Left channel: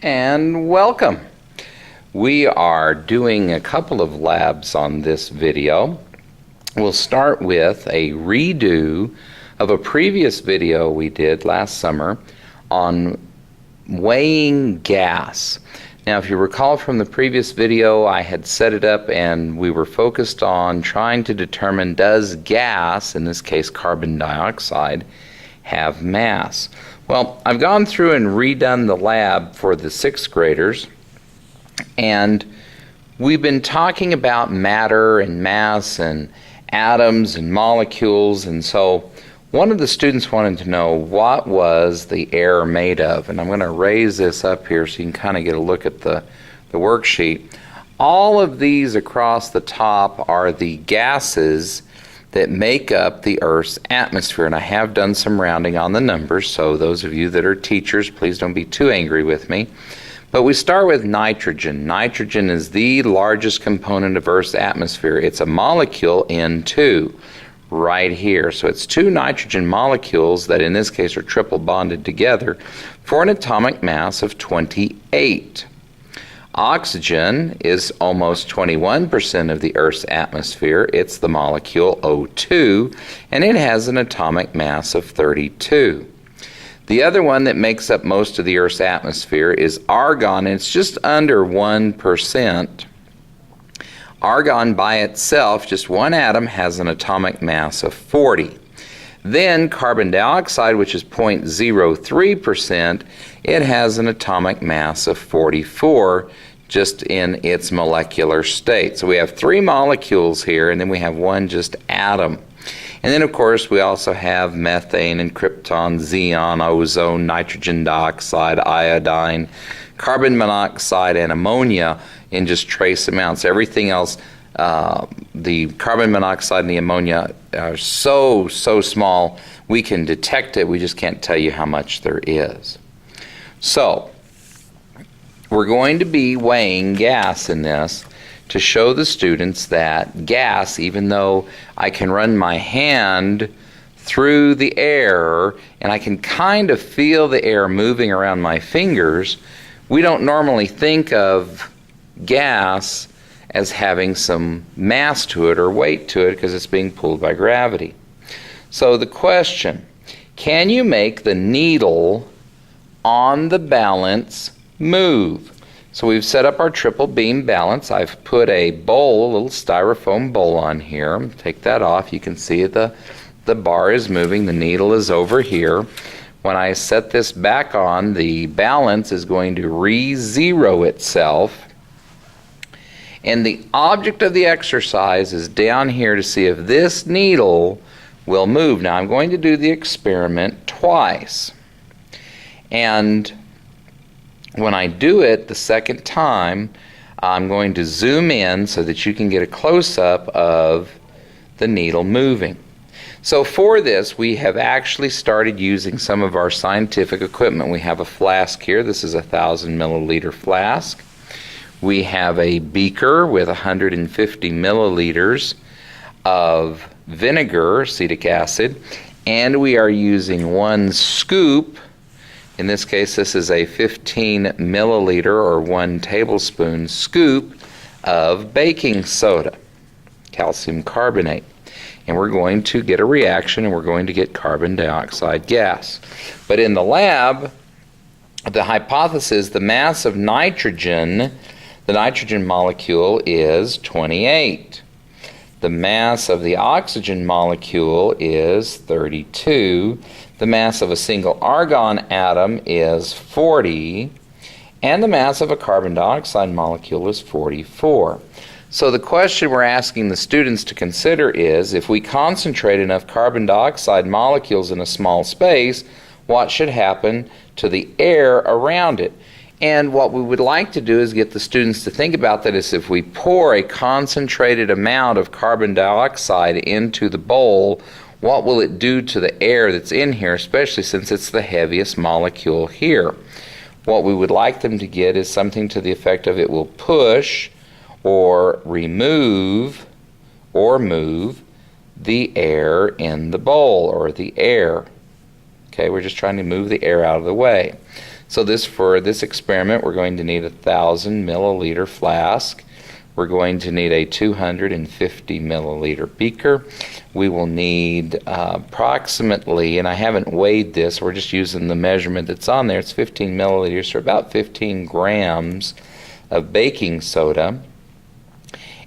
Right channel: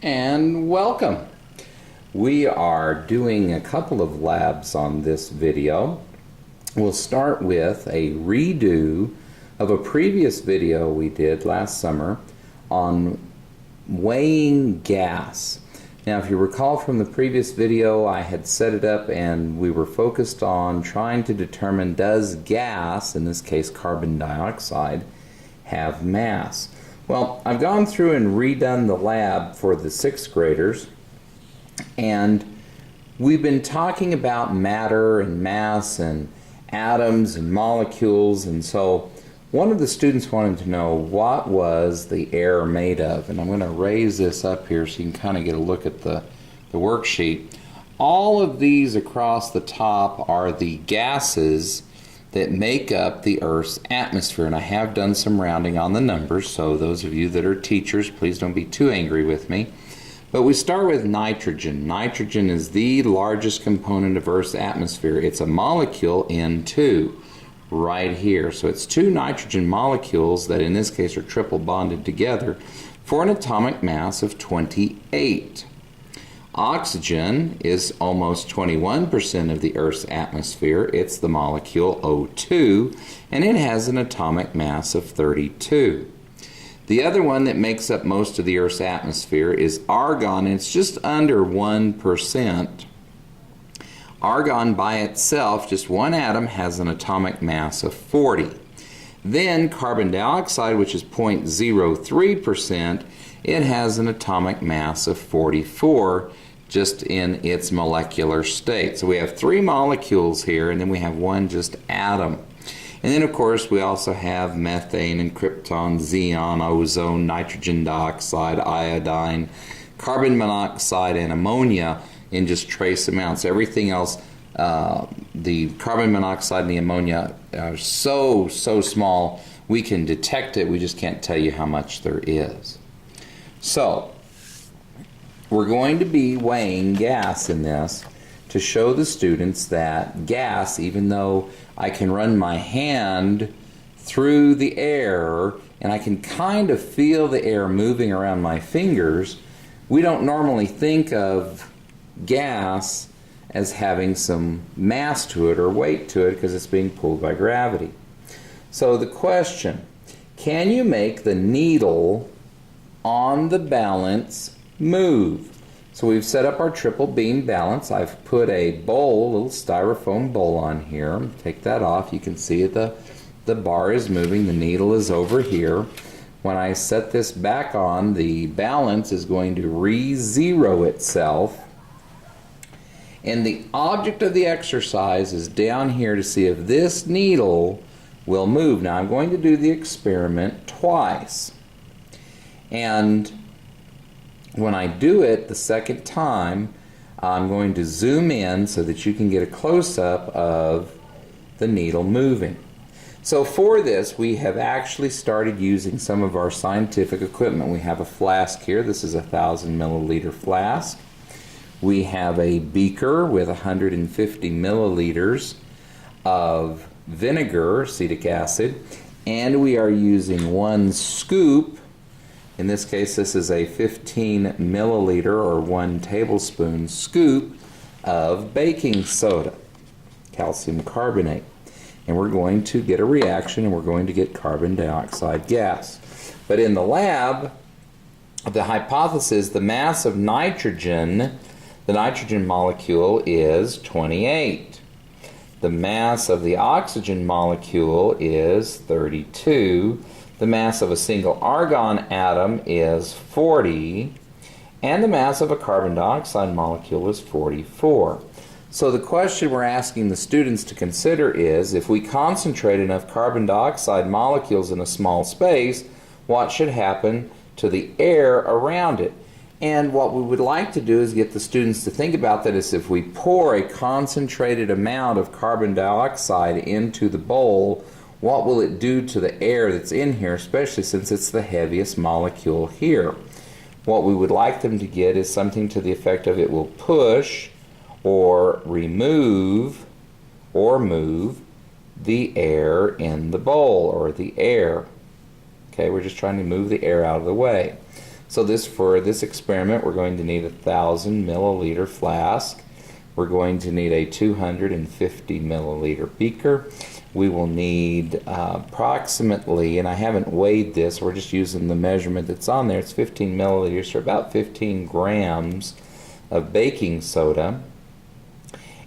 And welcome. We are doing a couple of labs on this video. We'll start with a redo of a previous video we did last summer on weighing gas. Now, if you recall from the previous video, I had set it up and we were focused on trying to determine, does gas, in this case carbon dioxide, have mass? Well, I've gone through and redone the lab for the 6th graders, and we've been talking about matter and mass and atoms and molecules, and so one of the students wanted to know what was the air made of, and I'm going to raise this up here so you can kind of get a look at the worksheet. All of these across the top are the gases that make up the Earth's atmosphere, and I have done some rounding on the numbers, so those of you that are teachers, please don't be too angry with me. But we start with nitrogen. Nitrogen is the largest component of Earth's atmosphere. It's a molecule N2 right here. So it's 2 nitrogen molecules that in this case are triple bonded together for an atomic mass of 28. Oxygen is almost 21% of the Earth's atmosphere. It's the molecule O2, and it has an atomic mass of 32. The other one that makes up most of the Earth's atmosphere is argon, and it's just under 1%. Argon by itself, just one atom, has an atomic mass of 40. Then carbon dioxide, which is 0.03%, it has an atomic mass of 44 just in its molecular state. So we have 3 molecules here, and then we have one just atom. And then, of course, we also have methane and krypton, xenon, ozone, nitrogen dioxide, iodine, carbon monoxide, and ammonia in just trace amounts. Everything else, the carbon monoxide and the ammonia are so small we can detect it, we just can't tell you how much there is. So, we're going to be weighing gas in this to show the students that gas, even though I can run my hand through the air and I can kind of feel the air moving around my fingers, we don't normally think of gas as having some mass to it or weight to it because it's being pulled by gravity. So the question, can you make the needle on the balance move? So we've set up our triple beam balance. I've put a bowl, a little styrofoam bowl on here. Take that off. You can see the bar is moving. The needle is over here. When I set this back on, the balance is going to re-zero itself. And the object of the exercise is down here to see if this needle will move. Now I'm going to do the experiment twice. And when I do it the second time, I'm going to zoom in so that you can get a close-up of the needle moving. So for this, we have actually started using some of our scientific equipment. We have a flask here. This is a 1,000 milliliter flask. We have a beaker with 150 milliliters of vinegar, acetic acid, and we are using 1 scoop. In this case, this is a 15 milliliter or 1 tablespoon scoop of baking soda, calcium carbonate. And we're going to get a reaction and we're going to get carbon dioxide gas. But in the lab, the hypothesis, the mass of nitrogen, the nitrogen molecule is 28. The mass of the oxygen molecule is 32. The mass of a single argon atom is 40, and the mass of a carbon dioxide molecule is 44. So the question we're asking the students to consider is, if we concentrate enough carbon dioxide molecules in a small space, what should happen to the air around it? And what we would like to do is get the students to think about that is if we pour a concentrated amount of carbon dioxide into the bowl, what will it do to the air that's in here, especially since it's the heaviest molecule here? What we would like them to get is something to the effect of it will push or remove or move the air in the bowl, or the air. Okay, we're just trying to move the air out of the way. So for this experiment, we're going to need a 1,000 milliliter flask. We're going to need a 250 milliliter beaker. We will need approximately, and I haven't weighed this, we're just using the measurement that's on there, it's 15 milliliters, so about 15 grams of baking soda.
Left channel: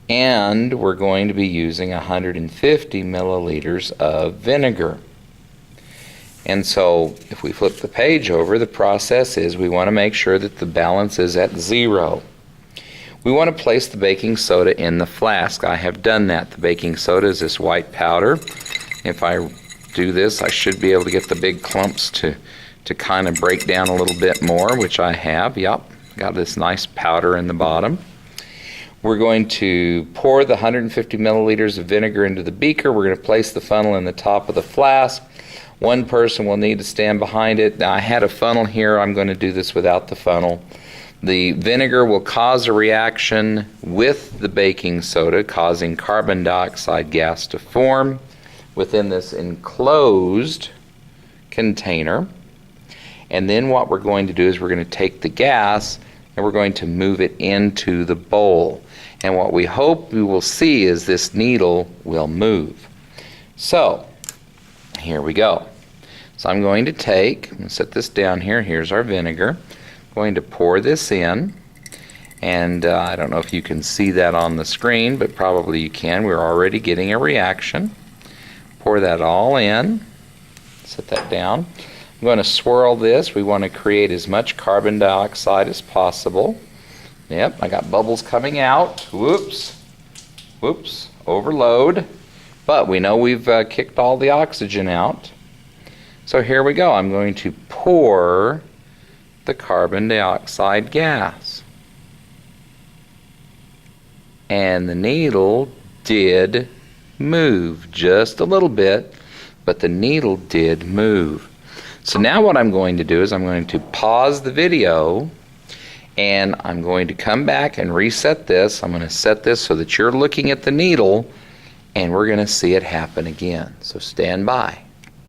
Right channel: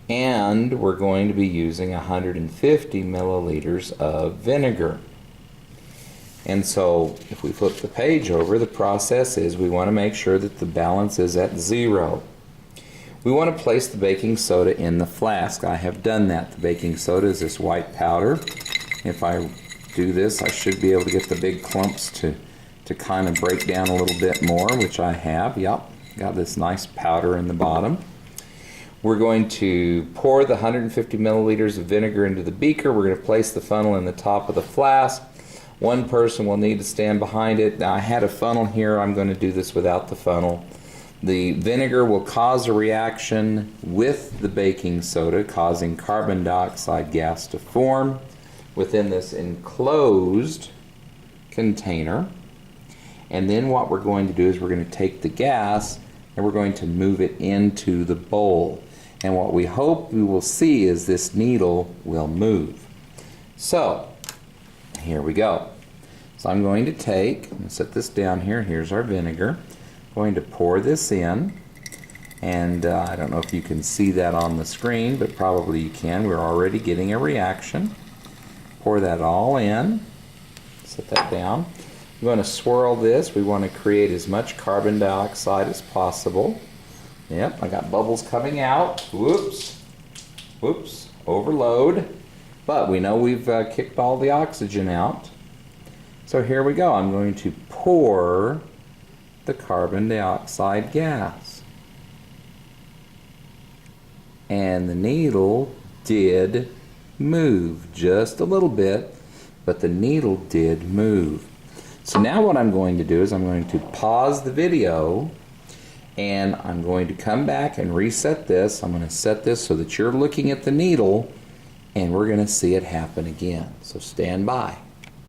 And we're going to be using 150 milliliters of vinegar. And so if we flip the page over, the process is we want to make sure that the balance is at 0. We want to place the baking soda in the flask. I have done that. The baking soda is this white powder. If I do this, I should be able to get the big clumps to kind of break down a little bit more, which I have. Yep, got this nice powder in the bottom. We're going to pour the 150 milliliters of vinegar into the beaker. We're going to place the funnel in the top of the flask. One person will need to stand behind it. Now, I had a funnel here. I'm going to do this without the funnel. The vinegar will cause a reaction with the baking soda, causing carbon dioxide gas to form within this enclosed container. And then what we're going to do is we're going to take the gas and we're going to move it into the bowl. And what we hope we will see is this needle will move. So, here we go. So I'm going to set this down here. Here's our vinegar. I'm going to pour this in. And I don't know if you can see that on the screen, but probably you can. We're already getting a reaction. Pour that all in. Set that down. I'm going to swirl this. We want to create as much carbon dioxide as possible. Yep, I got bubbles coming out. Whoops. Whoops. Overload. But we know we've kicked all the oxygen out. So here we go. I'm going to pour the carbon dioxide gas. And the needle did move just a little bit, but the needle did move. So now what I'm going to do is I'm going to pause the video and I'm going to come back and reset this. I'm going to set this so that you're looking at the needle and we're going to see it happen again. So stand by.